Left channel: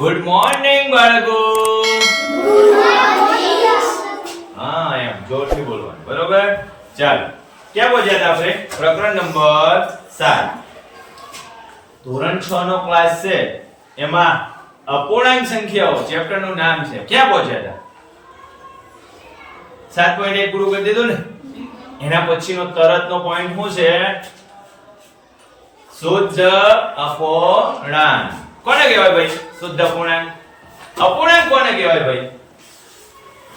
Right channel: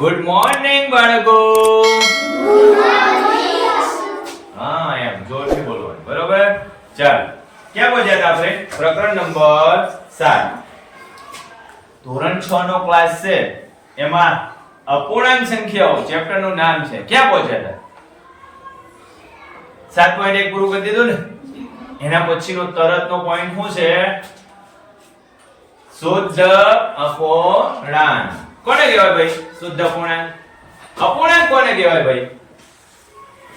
Good morning બાળકો. હા એમ જોરથી બોલવાનું, બરોબર? ચાલો, ક્યાં પહોંચ્યા હતા આપણે? પ્રકરણ નંબર 7. ધોરણ 6 નો ક્લાસ છે, એમાં અપૂર્ણાંક સંખ્યાઓ ચેપ્ટર નું નામ છે. ક્યાં પહોંચ્યા હતા? 7.1 પૂરું કરી દીધું ને? એના પછીનો તરતનો પોઈન્ટ શું છે? શુદ્ધ અપૂર્ણાંક. કોને કહેવાય ભાઈ શુદ્ધ અપૂર્ણાંક? અપૂર્ણાંક કોને કહેવાય ભાઈ?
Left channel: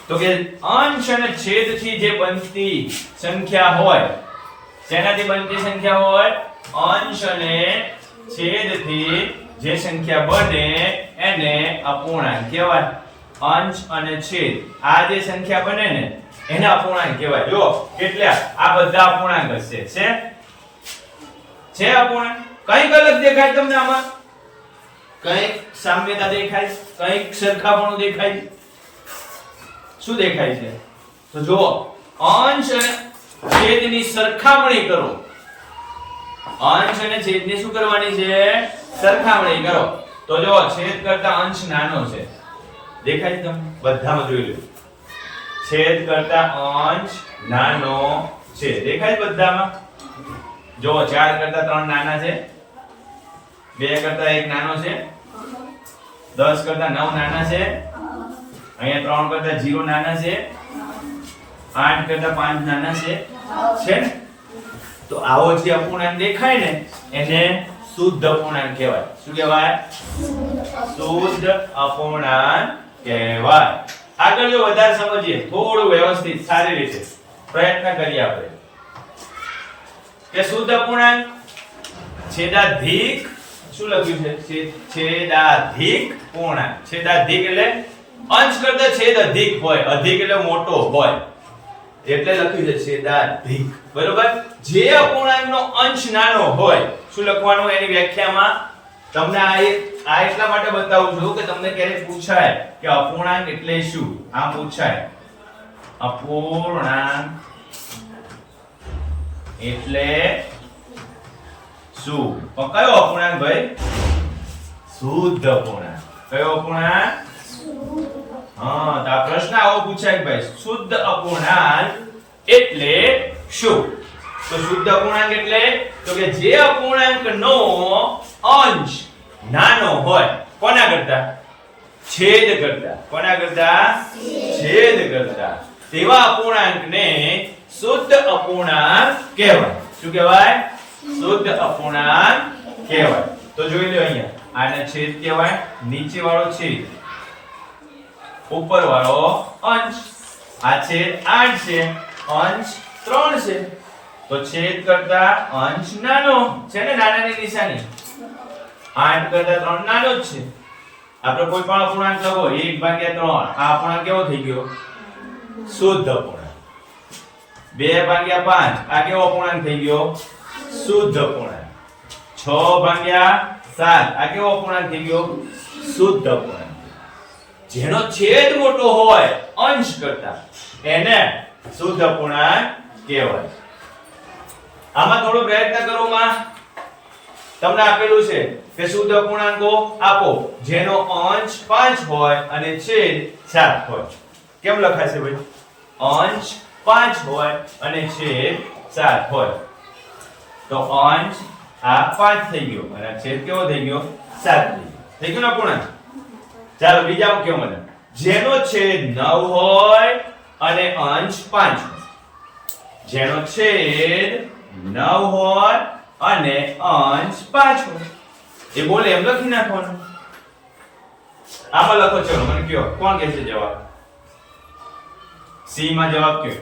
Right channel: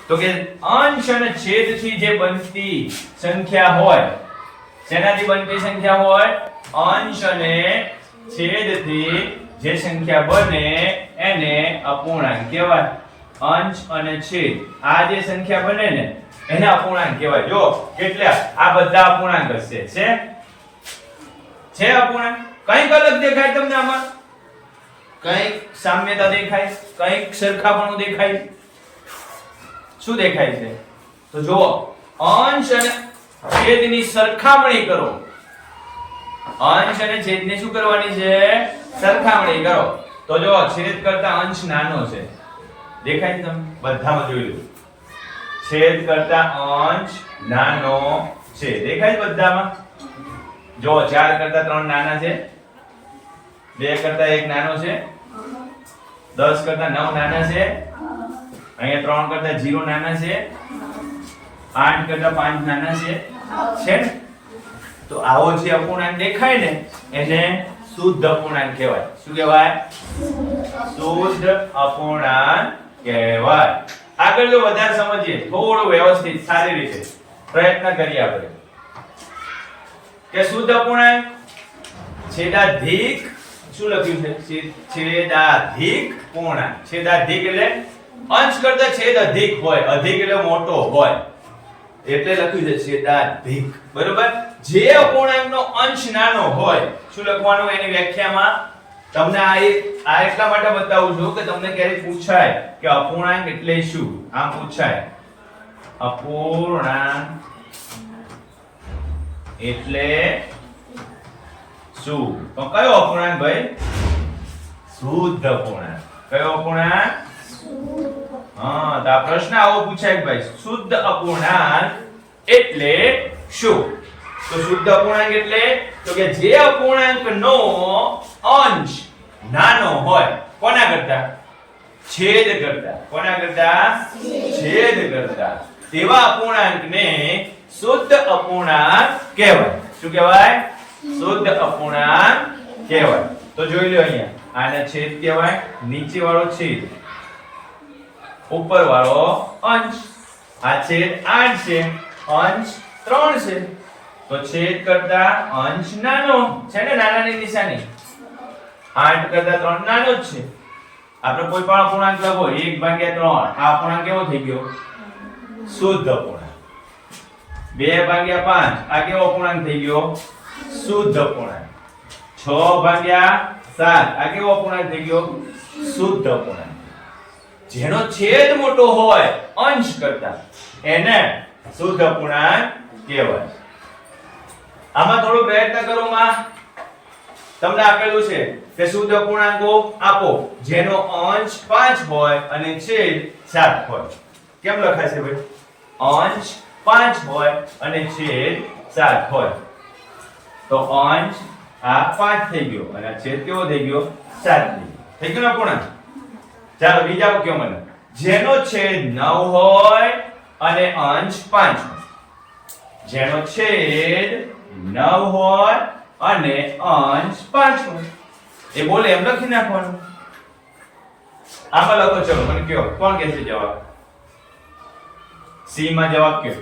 તો કે અંશ અને છેદથી જે બનતી સંખ્યા હોય, શેનાથી બનતી સંખ્યા હોય? અંશ અને છેદથી જે સંખ્યા બને એને અપૂર્ણાંક કહેવાય. અંશ અને છેદ આ જે સંખ્યા બને ને એને અપૂર્ણાંક કહેવાય. જો કેટલા આ બધા અપૂર્ણાંક હશે. છે અપૂર્ણાંક? કઈ અલગ દેખાય તમને આમાં? કઈક સામ્યતા દેખાય, કઈક સરખાપણું દેખાય. શું દેખાય છે? તો જુઓ, અંશ અને છેદની સરખામણી કરો. અંશ અને છેદની શું કરવાની છે? સરખામણી કરો. તો જો છેદ કરતા અંશ નાનો છે, દેખાય છે તમને? બધામાં જોઈ લો, છેદ કરતા અંશ નાનો છે, દેખાય છે બધામાં? જો 4 કરતા 3 નાના છે, 2 કરતા 1 નાનો છે, 10 કરતા 9 નાના છે, અહીંયા 3 કરતા 0 નાના છે, 8 કરતા 5 નાના છે ને? તો આવો જે અપૂર્ણાંક દેખાય ને એને શુદ્ધ અપૂર્ણાંક કહેવાય. શું કહેવાય? શુદ્ધ અપૂર્ણાંક કહેવાય. આગળ જો વધારે સમજીએ, થોડું વ્યવસ્થિત સારી રીતે પ્રયત્ન કરીએ આપણે કે શુદ્ધ અપૂર્ણાંક છેદાધિક. શું લખ્યું છે? છેદાધિક પૂર્ણાંક. છેદાધિક એટલે અંશ કરતા છેદ અધિક હોય, અધિક એટલે મોટો હોય, એટલે લખ્યું છે છેદાધિક. બરોબર? જે અપૂર્ણાંકનો અંશ નાનો હોય, શું લખવાનું એની વ્યાખ્યામાં? તમને આ એટલા માટે બતાવું છું કે તમને ક્યારેક પૂછાય કે અપૂર્ણાંક એટલે શું. આ પૂછાય, અપૂર્ણાંક એટલે શું? તો કયો અપૂર્ણાંક ભાઈ? શુદ્ધ અપૂર્ણાંક. કયો અપૂર્ણાંક? હા, તો આ પ્રશ્ન આવો પૂછાય કે ભાઈ શુદ્ધ અપૂર્ણાંક એટલે શું? તો શુદ્ધ અપૂર્ણાંક એટલે તો કે જે અપૂર્ણાંકનો અંશ નાનો હોય, કોના કરતા? છેદ કરતા. કોના કરતા? છેદ કરતા. તેવા અપૂર્ણાંકને શુદ્ધ અપૂર્ણાંક કહેવાય. શું કહેવાય? શુદ્ધ અપૂર્ણાંક કહેવાય. તો જોઈ લો, અહીંયા આને છેદ કહેવાય, નીચે વાળો છેદ, ઉપર વાળો અંશ. આ છેદ 8 છે, અંશ 3 છે. તો છેદ કરતા અંશ નાનો છે ને? નાનાની નિશાની 8 કરતા 3 નાનો જ છે. આપણે કોઈ પણ અપૂર્ણાંક લખો 1/3, આ અપૂર્ણાંક કેવો થઈ ગયો? શુદ્ધ અપૂર્ણાંક. 2/5 આ કેવો અપૂર્ણાંક થઈ ગયો? શુદ્ધ અપૂર્ણાંક. 6/7 આ કેવો અપૂર્ણાંક થઈ ગયો? શુદ્ધ અપૂર્ણાંક. જેનો છેદ મોટો હોય અંશ કરતા એને શુદ્ધ અપૂર્ણાંક કહેવાય. આમાં થોડો પ્રયત્ન કરો માં. તમને આપેલું છે કે શુદ્ધ અપૂર્ણાંકો આપો જેનો અંશ 5 હોય અને છેદ 7 હોય. કેમ લખાશે ભાઈ? અંશ 5 હોય અને છેદ 7 હોય. તો અંશ આ 5 થઈ ગયો અને આ છેદ કેવો થઈ ગયો? 7 થઈ ગયો. થઈ ગયો ને અપૂર્ણાંક? ચાલો બીજા કયો મને. જેનો છેદ 9 હોય અને અંશ 5 હોય. જેનો છેદ 9 હોય અને અંશ 5 હોય. એ બોલે એમ લખી નાખવાનું. આમાં લખો, ચલો મને કયો કોણ કહેશે જવાબ? સી માં જવાબ કયો?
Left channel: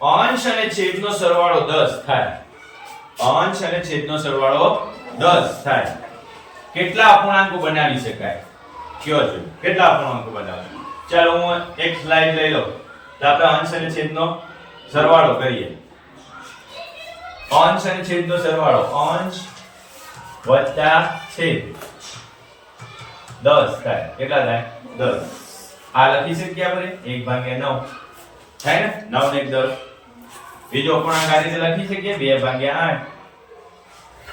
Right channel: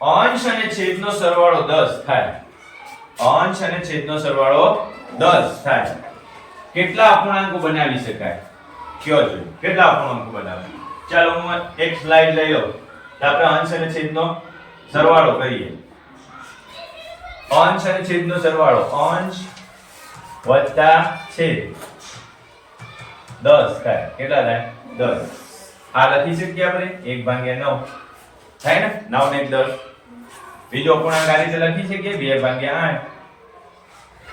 અંશ અને છેદનો સરવાળો 10 થાય. અંશ અને છેદનો સરવાળો 10 થાય. કેટલા અપૂર્ણાંકો બનાવી શકાય? કયો છે કેટલા અપૂર્ણાંકો બનાવે? ચાલો હું એક સ્લાઇડ લઈ લઉં તો આપણે અંશ અને છેદનો સરવાળો કરીએ. અંશ અને છેદનો સરવાળો, અંશ વત્તા છેદ 10 થાય. કેટલા થાય? 10. આ લખી શકીએ આપણે 1/9 થાય ને? 9 ને 10. બીજો અપૂર્ણાંક આ રીતે લખી શકીએ 2/8.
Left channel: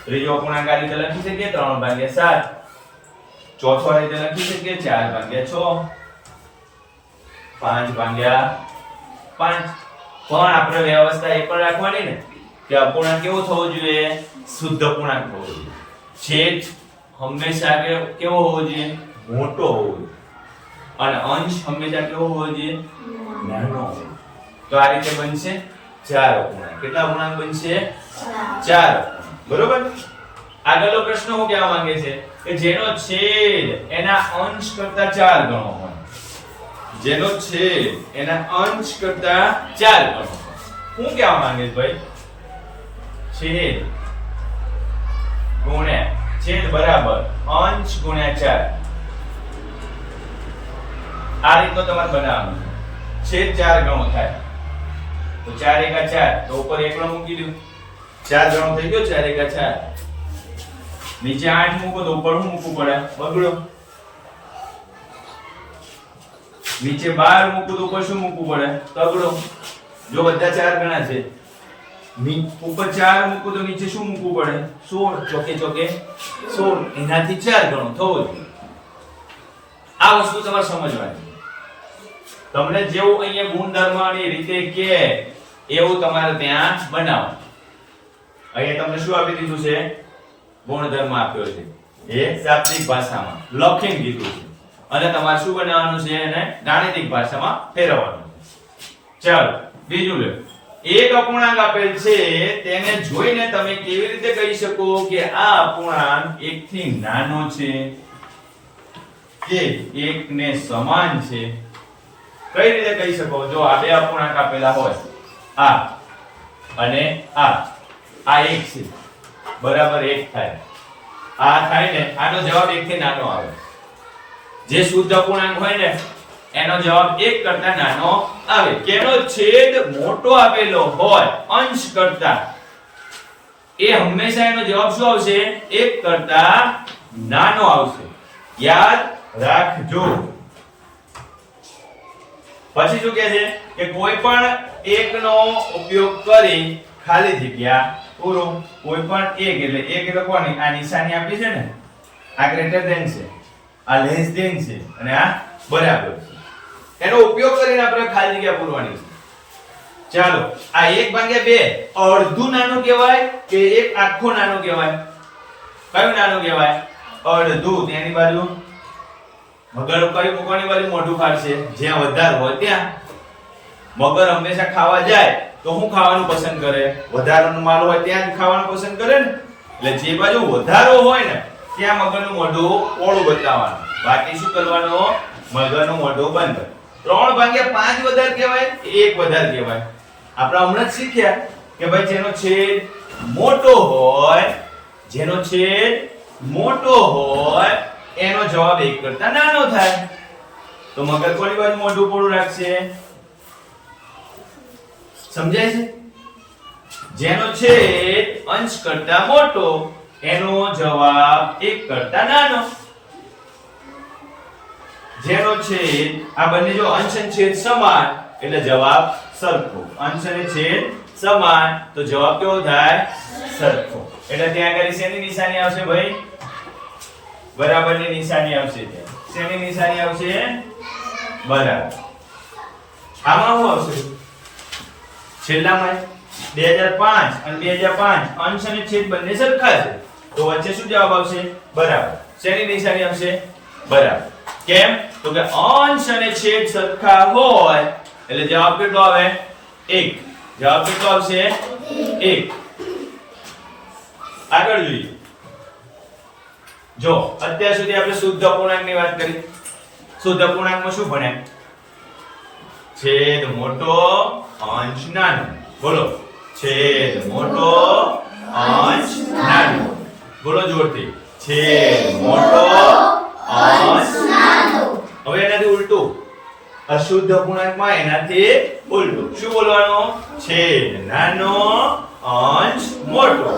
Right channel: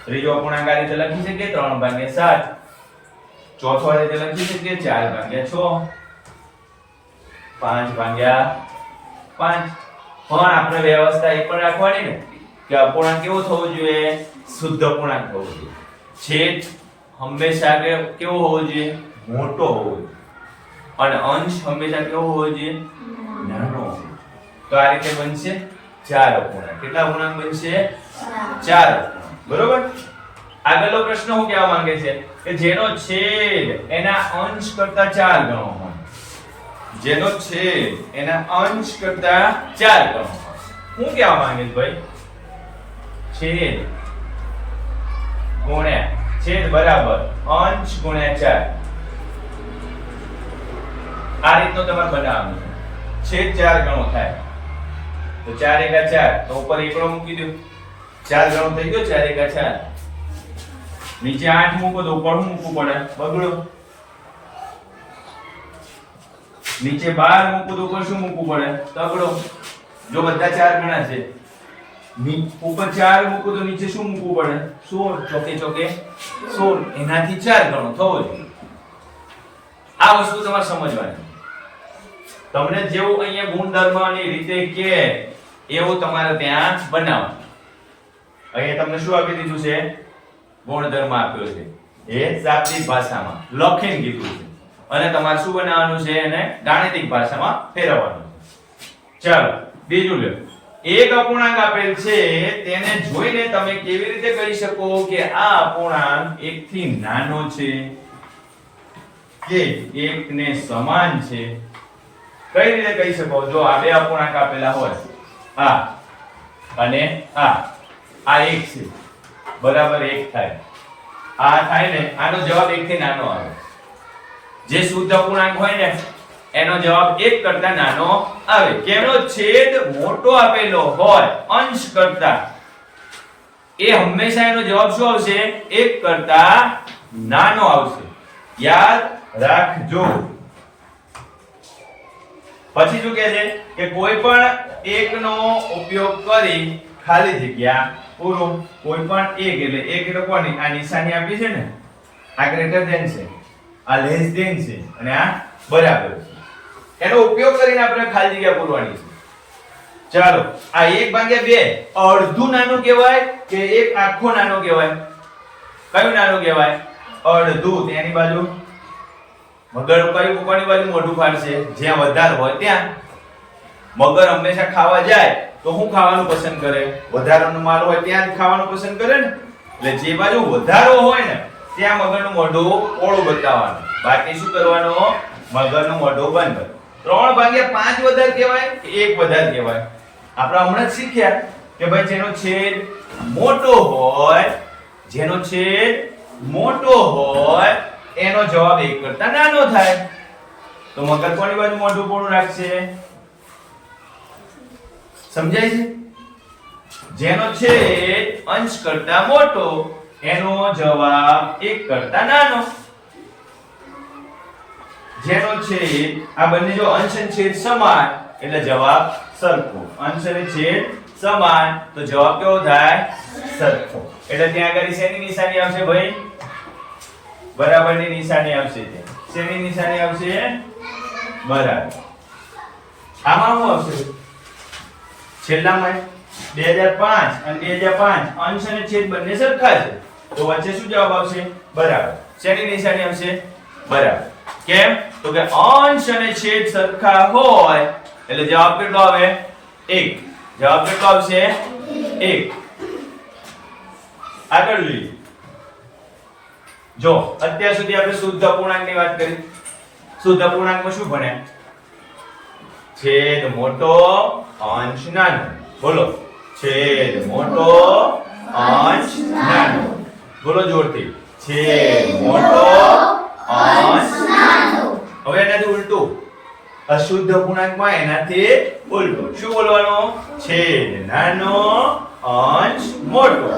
ત્રીજો અપૂર્ણાંક આ રીતે લખી શકીએ 3/7. ચોથો આ રીતે લખી શકીએ 4 ભાગ્યા 6, 5 ભાગ્યા 5. પણ આપણે વ્યવસ્થા એ પણ રાખવાની ને કે અપૂર્ણાંક કેવો થવો જોઈએ? શુદ્ધ અપૂર્ણાંક થવો જોઈએ. છેદ હંમેશા કેવો હોવો જોઈએ? મોટો હોવો જોઈએ. અને અંશ હંમેશા કેવો હોવો જોઈએ? નાનો હોવો જોઈએ. તો આ રીતે બનશે 4 અપૂર્ણાંક. કેટલા અપૂર્ણાંક બનશે? 4 અપૂર્ણાંક. બરોબર? આગળનો પ્રશ્ન હું કહેવા માંગે છે કે જેનો છેદ એના અંશ કરતા 4 ગણો હોય. જેનો છેદ એના અંશ કરતા 4 ગણો હોય. હું કહેવા માંગે છે ભાઈ? છેદ ગુણ્યા છેદ બરાબર અંશ ગુણ્યા 4. આ રીતનો તમારે બનાવવાનું છે. છેદ 4 ગણો થાય તો 4 એકા 4, તો ઉપર એકડો મૂકી દો. 4 ગણો થઈ ગયો. 4 એકા 4. નીચે 8 મૂકો તો ઉપર શું મૂકવું પડે? બગડો. નીચે 12 મૂકો તો ઉપર શું મૂકવું પડે? તગડો. જો બધા 4 ગણા છે, ઉપર 4 મૂકો તો નીચે શું મૂકવું પડે? 16. ચોકે ચોકે 16. એનાથી 4 ગણો થવો જોઈએ. આ વસ્તુ તમારે સમજવાની. તમને જેવું અહીંયા ગુણધર્મની રીતે કે એવું તમારે ત્યાં બનાવો. અહીંયા તમને શું આપી દીધું છે? ગુણધર્મ આપ્યો છે. એ શાબ્દિક ભાષામાં લખીને દીધું છે અને તમારે શું બનાવવાનું છે? એને ગાણિતિક ભાષામાં ફેરવવાનું છે. ચાલો બીજું લો. એક અપૂર્ણાંક આપેલ છે, તેને જોઈને તમે કેવી રીતે કહી શકો કે આ અપૂર્ણાંક 1 થી નાનો છે કે 1 ને સમાન છે? કઈ રીતે કહી શકો? જો આ બે અપૂર્ણાંક આપેલા હોય, આ અને આ 1 છે, બરાબર 1 થાય. આ થાય ને, આનો જવાબ 1 થી નાનો આવે. જે શુદ્ધ અપૂર્ણાંક હોય ને એનો જવાબ 1 કરતા નાનો આવે. કેનો છેદ મોટો આપેલો હોય અંશ કરતા, એ હંમેશા એનો જવાબ શું આવશે? 1 કરતા નાનો આવશે. યાદ રાખજો. પછી શું કહે છે કે કોઈ પણ એકનો ઉપયોગ કરી ખાલી જગ્યા પૂરું. કોઈ પણ એક એટલે એક લખવાની, આ નિશાની આપી છે ને, આ ગ્રેટર ધેન છે, આ લેસ ધેન છે અને આ બરાબર છે. એનો ઉપયોગ કરીને આપણે ખાલી જગ્યા પૂરવાની છે. ચાલો, આ 1/2 અડધું નાનું કહેવાય કે એક આખો નાનો કહેવાય? કયું નાનું કહેવાય? અડધું. તેની બાજુ મગર કઈ કોની બાજુ મોઢું ફાડશે? જ્યાં વધારે હોય ત્યાં. મગર હંમેશા ખાવા જાય તો શું ખાવાનું પસંદ કરે? વધારાનો માલ હોય ત્યાં જ ખાવાનું પસંદ કરે ને. એટલે જે બાજુ વધારો હોય ને ત્યાં મગરનું મોઢું પોળું બતાવવાનું, બાકી શું કરવાનું? મગરનું મોઢું બંધ. 3/5 વધારે કહેવાય કે 1 વધારે કહેવાય? આપણે હમણાં જ શીખ્યા કે ભાઈ જેનો છેદ મોટો હોય, જેનો છેદ મોટો હોય એનો જવાબ 1 કરતા નાનો થાય. તો મગર કોની બાજુ મોઢું પોળું રાખશે? સમજાય છે? જેનો છેદ અંશ કરતા મોટો એનો જવાબ 1 કરતા નાનો. જેનો છેદ, આ બંને જો અંશ અને છેદ સમાન એટલે જવાબ સરખો. અંશ અને છેદ સમાન તો જવાબ કેવો થાય? સરખો. એટલે ત્યાં આગળ શેની નિશાની આવશે ભાઈ? બરાબરની નિશાની આવશે. ત્યાં શેની નિશાની આવશે? બરાબર. આમાં શું આવશે? છેલ્લામાં 2005 અને 2005 અંશ અને છેદ બંને સરખા છે તો વચ્ચે શું જવાબ આવશે? બરાબર. શેની નિશાની આવશે? બરાબર. કેમ? તો કે અંશ અને છેદ સરખા હોય એટલે જવાબ કેટલો આવે? 1. જવાબ કેટલો આવશે? 1. આગળ જોઈએ. જો અત્યાર સુધી આપણે શુદ્ધ અપૂર્ણાંકની વાત કરી. શુદ્ધ અપૂર્ણાંકમાં શું ભણ્યા? છેદ મોટો, અંશ નાનો. બોલો, છેદ મોટો, અંશ નાનો. બોલો જોરથી. છેદ મોટો, અંશ નાનો. હવે એનાથી ઉલટું. અશુદ્ધ અપૂર્ણાંકમાં એનાથી ઉલટું. શું બોલવાનું? છેદ નાનો, અંશ મોટો.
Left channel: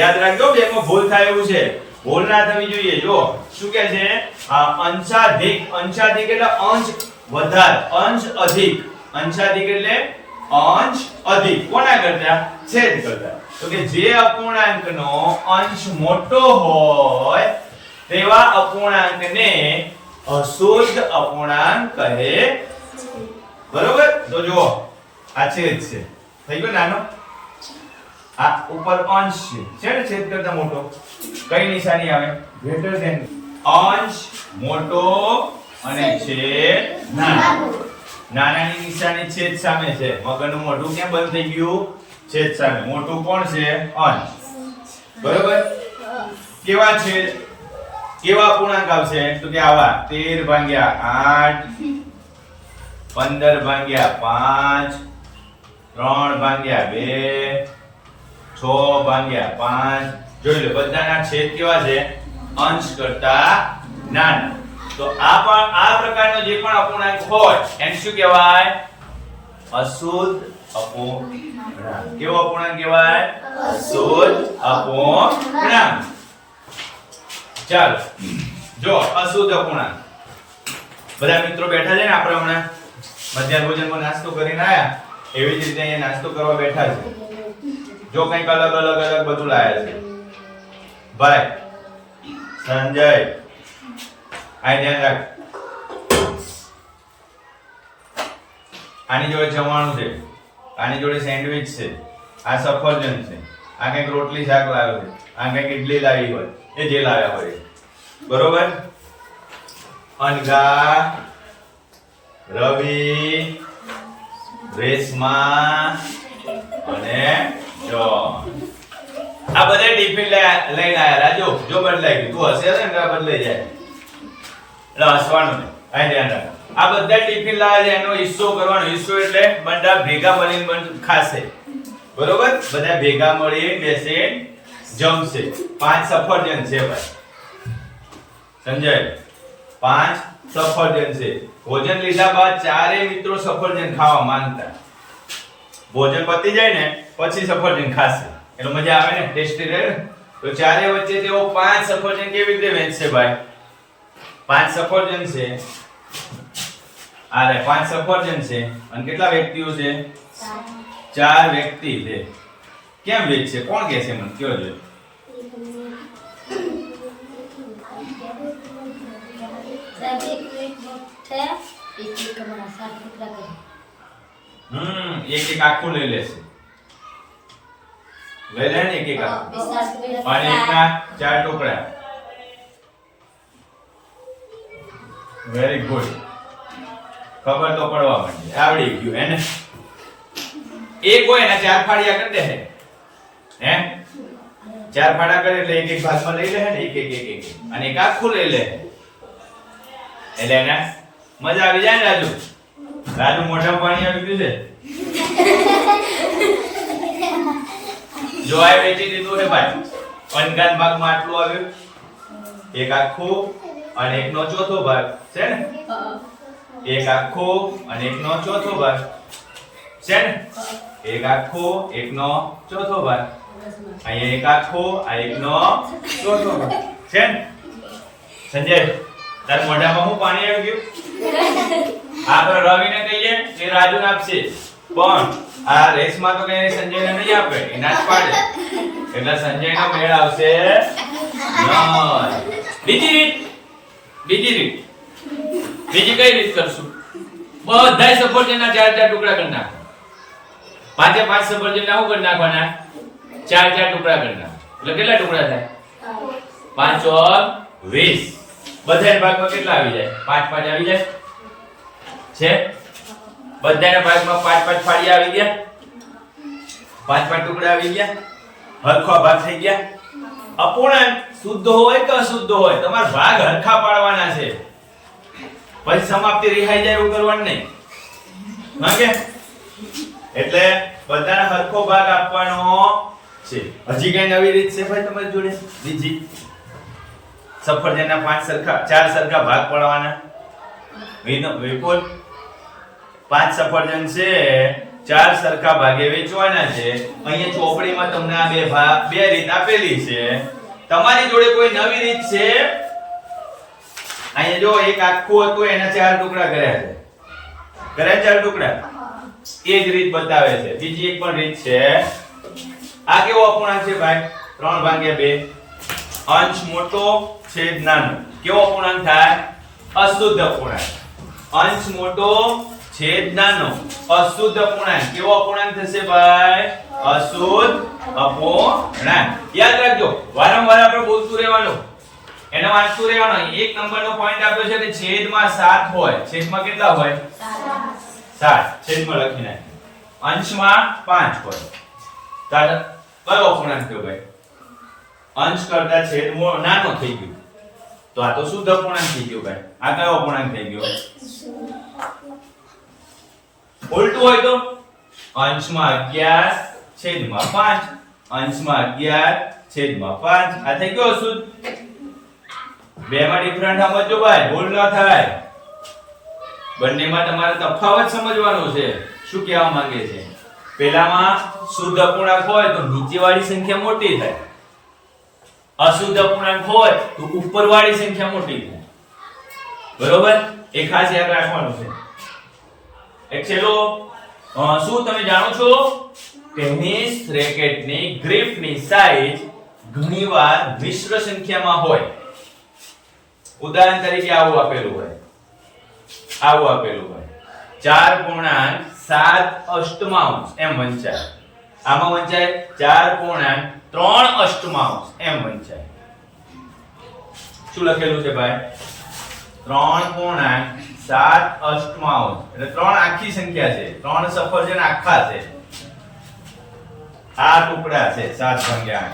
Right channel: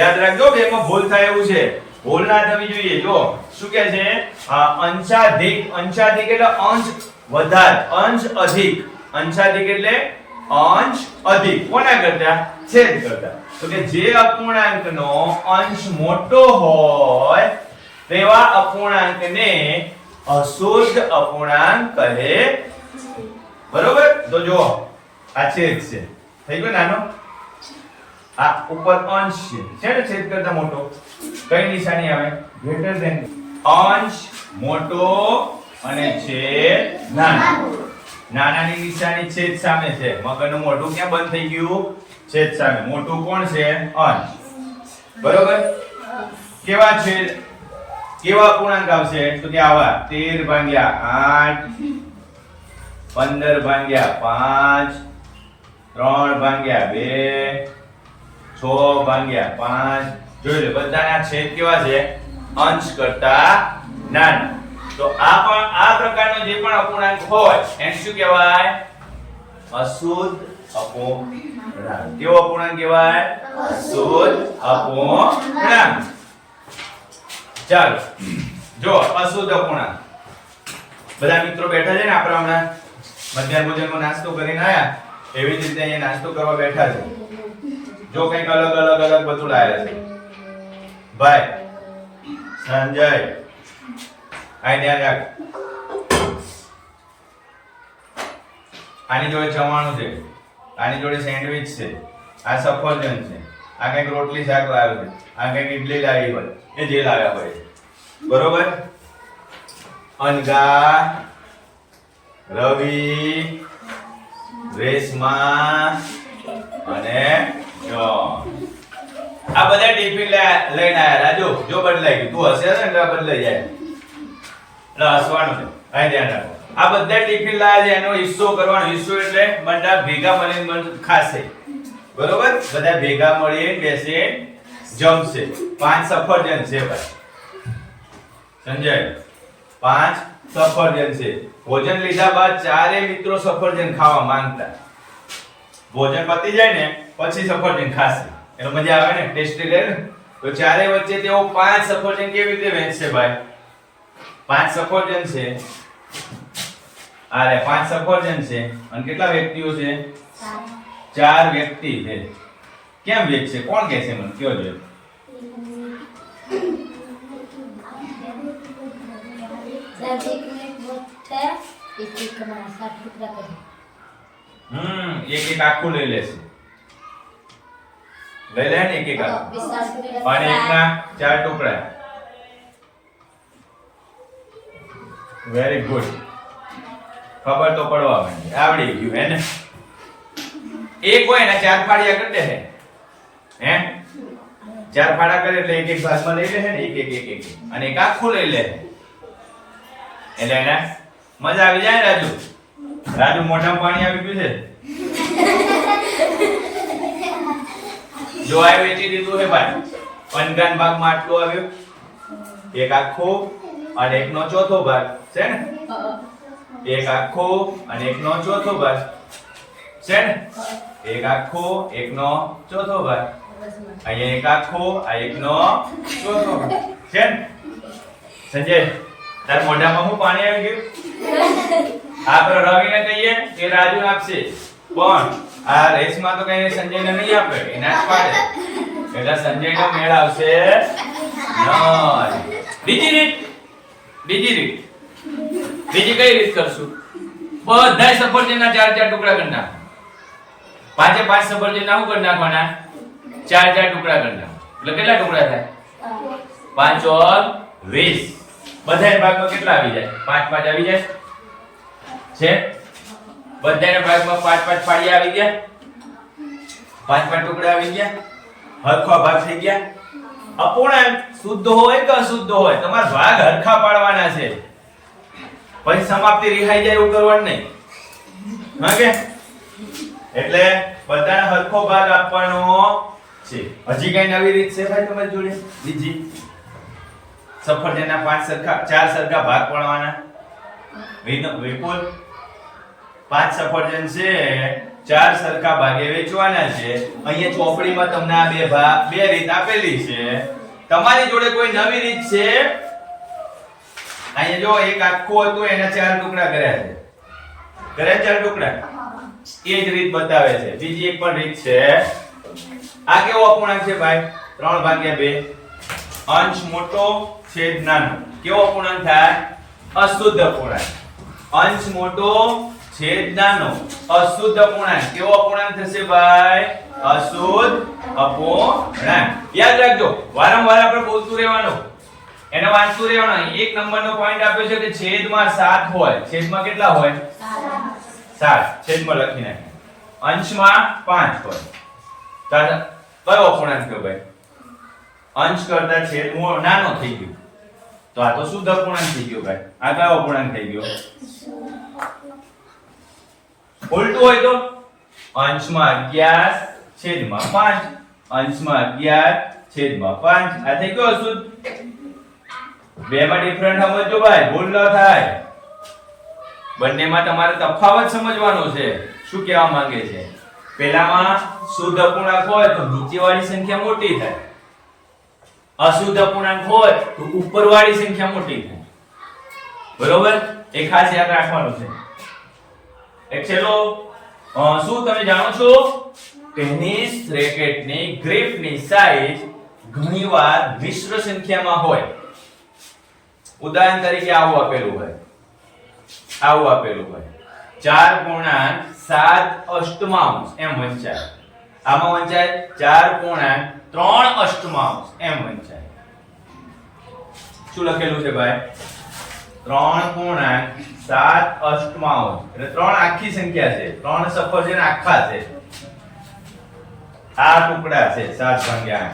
યાદ રાખજો, બેમાં ભૂલ થાય એવું છે. ભૂલ ના થવી જોઈએ. જો શું કહે છે? અંશાધિક. અંશાધિક એટલે અંશ વધારે, અંશ અધિક. અંશાધિક એટલે અંશ અધિક. કોના કરતા? છેદ કરતા. તો કે જે અપૂર્ણાંકનો અંશ મોટો હોય તેવા અપૂર્ણાંકને અશુદ્ધ અપૂર્ણાંક કહે. બરોબર? તો જો આ છેદ છે, થઈ ગયો નાનો, આ ઉપર અંશ છે ને, છેદ કરતા મોટો, કઈ નિશાની આવે? Greater than. અંશ મોટો અને છેદ નાનો. નાનાની નિશાની છેદ સામે છે. મગરનું મોઢું ક્યાં બંધ થઈ ગયું? છેદ સામે. મોટું કોણ છે? અંશ. બરોબર? કેવા છેદ, કેવા અપૂર્ણાંક આવશે? તો કે આવા 13 ભાગ્યા 8, 15 ભાગ્યા 5, 3 ભાગ્યા 2, 6 ભાગ્યા 5. જોઈ લો બધાના છેદ કેવા છે? અંશ કરતા નાના. તો આ પ્રકારનો જે પણ અપૂર્ણાંક હોય એને શું કહેવાય? અશુદ્ધ અપૂર્ણાંક. કેવો અપૂર્ણાંક કહેવાય? અશુદ્ધ અપૂર્ણાંક. ચાલો જો અશુદ્ધ અપૂર્ણાંક. બધા મિત્રો બેઠા છે ને, આપણે હમણાં મધ્યાહન ભોજનમાં નાસ્તો કરીને આયા, એવી જ રીતે અહીંયા નાસ્તો કરવા બેઠા છે. જો કંઈક અલગ બધું લાયા છે. ભાઈ સંજય, આ ધ્યાન રાખ. આની જોડે જમવાનું છે, આની જોડે સેન્ડવિચ છે, આ સફરજન છે, આ કંઈક રોટલી શાક લાવ્યો છે, આ કંઈક ઇડલી લાવી હોય, એ જે લાવ્યા હોય. બરોબર? અનગા, રવિ, રેશમા અને જોન, આ બધા ટિફિન લઈને આયા. રાજુ જો બદલાઈ ગયું, તું હશે ને તો બદલાઈ જાય. એટલે હસવાનું ને, અહીં ધ્યાન રાખ. આ બધા ટિફિન લાયા છે, એનો હિસ્સો કરવાનો. હિસ્સો એટલે બધા ભેગા મળીને ખાશે. બરોબર? બધા ભેગા મળીને બેસે જમશે. 5 સફરજન છે ભાઈ સંજય, 5 સફરજન છે. ભોજન લીધા બાદ ચારે મિત્રો સફરજન ખાવા માંગતા. ભોજન પતી જાય ને પછી સફરજન ખાશે, એટલે મજા આવે ને, ટેસ્ટી રહે ને. તો ચારે વચ્ચે તેઓ 5 સફરજન કેવી રીતે વહેંચશે ભાઈ? 5 સફરજન છે, આરે 5 સફરજન છે, અને કેટલા વ્યક્તિઓ છે? 4 વ્યક્તિ છે. કેમ વેચશે? કોણ કહે છે મને? કયો જોઈએ. એક આખું લઈ લેશે. લઈ લે ને એક આખું, અને એકના 4 ટુકડા. Very good. ખબર તો પડવા માંડી, આવડી ગયું હે ને. એક હોય ને 4 ફાડિયા કરી દે હે. 4 ફાડા કરે એટલે એક ભાગમાં લઈ લે હે ને, એક અને એક આખું લઈ લે. એટલે એને મજા આવી જાય ને. રાજુ મોઢામાં પાણી આવી ગયું છે. જો આ વેચી દીધું હે ભાઈ. અનગાન ભાગમાં આટલું આવ્યું, એક આખું અને એકનો ચોથો ભાગ છે ને. એક આખું અને એકનો ચોથો ભાગ છે ને. એક આખો એકનો ચોથો ભાગ. અહીંયા એક આખો આ એકનો ચોથો ભાગ છે ને. સંજય, તાર મોઢામાં શું પાણી આવી ગયું? આપણે રવિને કહીએ કે રાજુને આપશે, પણ આ રેસમાં તો કઈ સંજયને નહીં આપે, એના જ પાડે. એટલે સંજયનો મેળ આવશે નહીં. બીજી રીત બીજી કઈ રીત કરશું? બધાય સફરજનના 4 ટુકડા કરી નાખો. 5 સફરજનના શું કરી નાખવાના? 4 ટુકડા કરી નાખો. એટલે કેટલા ટુકડા થાય? 5 ઓર 20. બધાય ભાગમાં કેટલા આવી જાય? 5 આવી જાય છે. બધાના ભાગમાં 5 ફાડિયા આવી ગયા, 5 ટુકડા આવી ગયા, હરખો ભાગ થઈ ગયા. અપૂર્ણાંક શુદ્ધ હોય કે અશુદ્ધ હોય, તમારે ભાગ હરખા પાડવાના છે. પછી સમાપ્તિ રિહાઈ જાય એવું કરવાનું નહીં. હા કે? એટલે બધાને હરખો ભાગ આપવાનો છે. હજી કઈ નવી રીત છે ભાઈ તમારી જોડે? બીજી સફરજનના 4 સરખા ભાગ પાડવાના. વિપુલ, 5 સફરજન છે, 4 સરખા ભાગે વેચવાના છે. અહીંયા ચોપડીમાં તમને આ બે રીત આપેલી છે. તમારી જોડે કોઈ નવી રીત છે? અહીંયા જો એક આખું હતું, એના 4 ટુકડા કર્યા છે. કર્યા 4 ટુકડા? એ જ રીત બતાવે છે. બીજી એક પણ રીત છે. આ કેવો અપૂર્ણાંક છે ભાઈ? 3/2. અંશ મોટો છેદ નાનો. કેવો અપૂર્ણાંક થાય? અશુદ્ધ અપૂર્ણાંક. અંશ મોટો છેદ નાનો, અશુદ્ધ અપૂર્ણાંક. કેવો અપૂર્ણાંક થશે ભાઈ? અશુદ્ધ અપૂર્ણાંક. યાદ રાખજો, વારંવાર આપણે બોલતું રહેવાનું, એનો વાંચતું રહેવાનું. એક નંબરનો પોઈન્ટ આપ્યો છે કે છેદમાં 7 હોય. છેદમાં કેટલા હોય? 7. છેદમાં લખી નાખી. અંશમાં 5 હોય. તાર કયો અપૂર્ણાંક થયો ભાઈ? અંશ કરતા છેદ નાનો થઈ ગયો, તો આ તો શુદ્ધ અપૂર્ણાંક થઈ ગયો ભાઈ. આ કયો અપૂર્ણાંક થઈ ગયો? ઉલટું હોય તો અંશમાં 11 છેદમાં 5. અંશમાં 11 છેદમાં 5. આ થઈ ગયો અશુદ્ધ. બે માં ડિફરન્ટ સમજજો ભાઈ, ભૂલ ન થાય. બંનેમાં તમારે તફાવત સમજવાનો છે. શું કહેવા માંગે છે? પહેલામાં શુદ્ધ અપૂર્ણાંક હોય તો નીચેવાળી સંખ્યા મોટી થાય, અશુદ્ધ અપૂર્ણાંક હોય તો ઉપરવાળી સંખ્યા મોટી થાય. બરોબર? એ ખાસ યાદ રાખવાનું છે. એક છેલ્લો, શું તમે જાણો છો? ટેનિસ રેકેટની ગ્રીપની સાઈઝ ઘણીવાર મિશ્ર સંખ્યામાં હોય. ઉદાહરણ તરીકે આવું આપેલું હોય, આવું આપેલું હોય 4.7 એમ વંચાય. આમાં વંચાય 4.3 એમ વંચાય. શું લખેલું છે ભાઈ? 3.7 એટલે 3 આખી સંખ્યા છે. 3 સફરજન આખા છે. આ ટુકડા છે 7/8.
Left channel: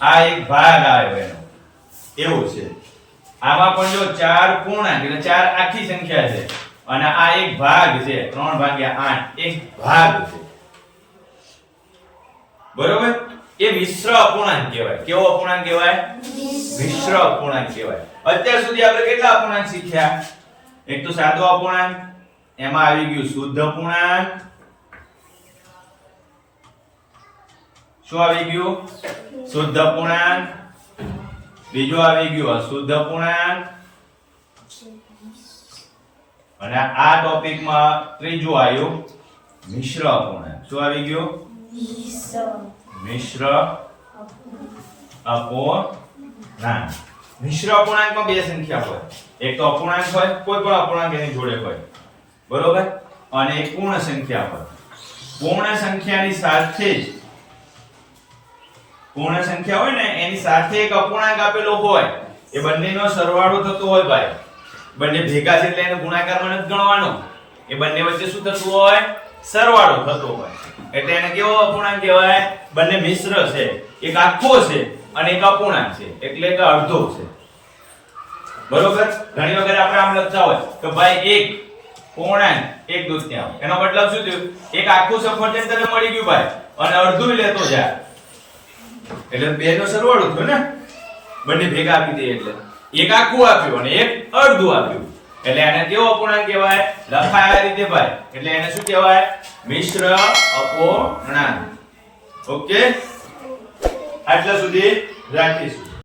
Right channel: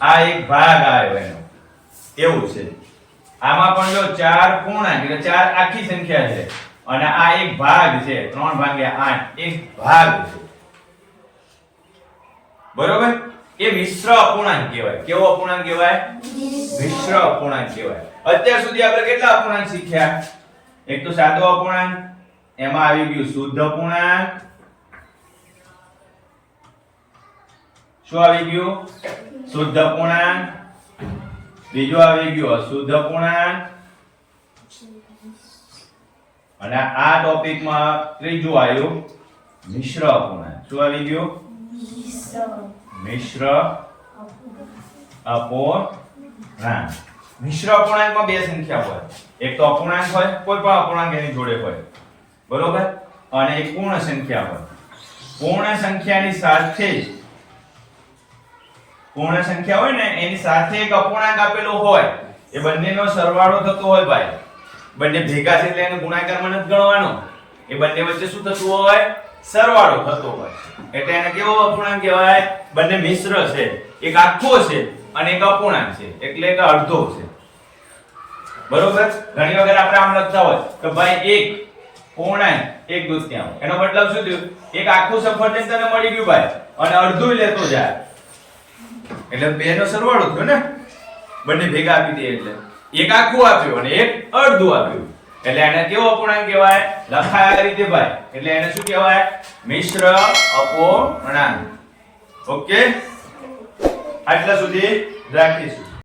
આ એક ભાગ આવે એનો, એવું છે. આમાં પણ જો 4 પૂર્ણાંક એટલે 4 આખી સંખ્યા છે, અને આ એક ભાગ છે 3/8, એક ભાગ છે. બરોબર? એ મિશ્ર અપૂર્ણાંક કહેવાય. કેવો અપૂર્ણાંક કહેવાય? મિશ્ર અપૂર્ણાંક કહેવાય. અત્યાર સુધી આપણે કેટલા અપૂર્ણાંક શીખ્યા? એક તો સાદો અપૂર્ણાંક, એમાં આવી ગયું શુદ્ધ અપૂર્ણાંક. શું આવી ગયું? શુદ્ધ અપૂર્ણાંક. બીજું આવી ગયું અશુદ્ધ અપૂર્ણાંક. અને આ ટોપિકમાં ત્રીજું આવ્યું મિશ્ર અપૂર્ણાંક. શું આવી ગયું? મિશ્ર અપૂર્ણાંક. મિશ્ર અપૂર્ણાંકમાં બે સંખ્યા હોય. એક તો અપૂર્ણાંક હોય, કોઈ પણ અપૂર્ણાંક એની જોડે હોય. બરોબર? અને એક પૂર્ણ સંખ્યા હોય. પૂર્ણ સંખ્યાની સાથે જ પૂર્ણ સંખ્યા હોય ને એની સાથે એક અપૂર્ણાંક આપેલો હોય. એ બંનેનો સરવાળો થતો હોય ભાઈ. બંને ભેગા છે એટલે એનો ગુણાકારમાં નથી ગણવાનો. એ બંને વચ્ચે શું થતું હોય? સરવાળો થતો હોય. એટલે એને કેવો અપૂર્ણાંક કહેવાય? બંને મિશ્ર છે. એક આખો છે અને એક અપૂર્ણાંક છે, એટલે એક અડધો છે. બરોબર? ઘણી વખત આપણે આમ લખતા હોય કે ભાઈ એક પૂર્ણાંક 1/2. એનો મતલબ શું થયું? એક આખું સફરજન તને મળી ગયું ભાઈ, અને અડધું લેતો જા, એટલે બે નો સરવાળો થયો ને. બંને ભેગા આપી દે એટલે એક આખું આપ્યું અને એક અડધું આપ્યું, એટલે એને કેવો અપૂર્ણાંક કહેવાય? લખાય આ રીતે ભાઈ, એટલે એને શું કહેવાય? મિશ્ર અપૂર્ણાંક. ઓકે, આટલા સુધી રાખીશું.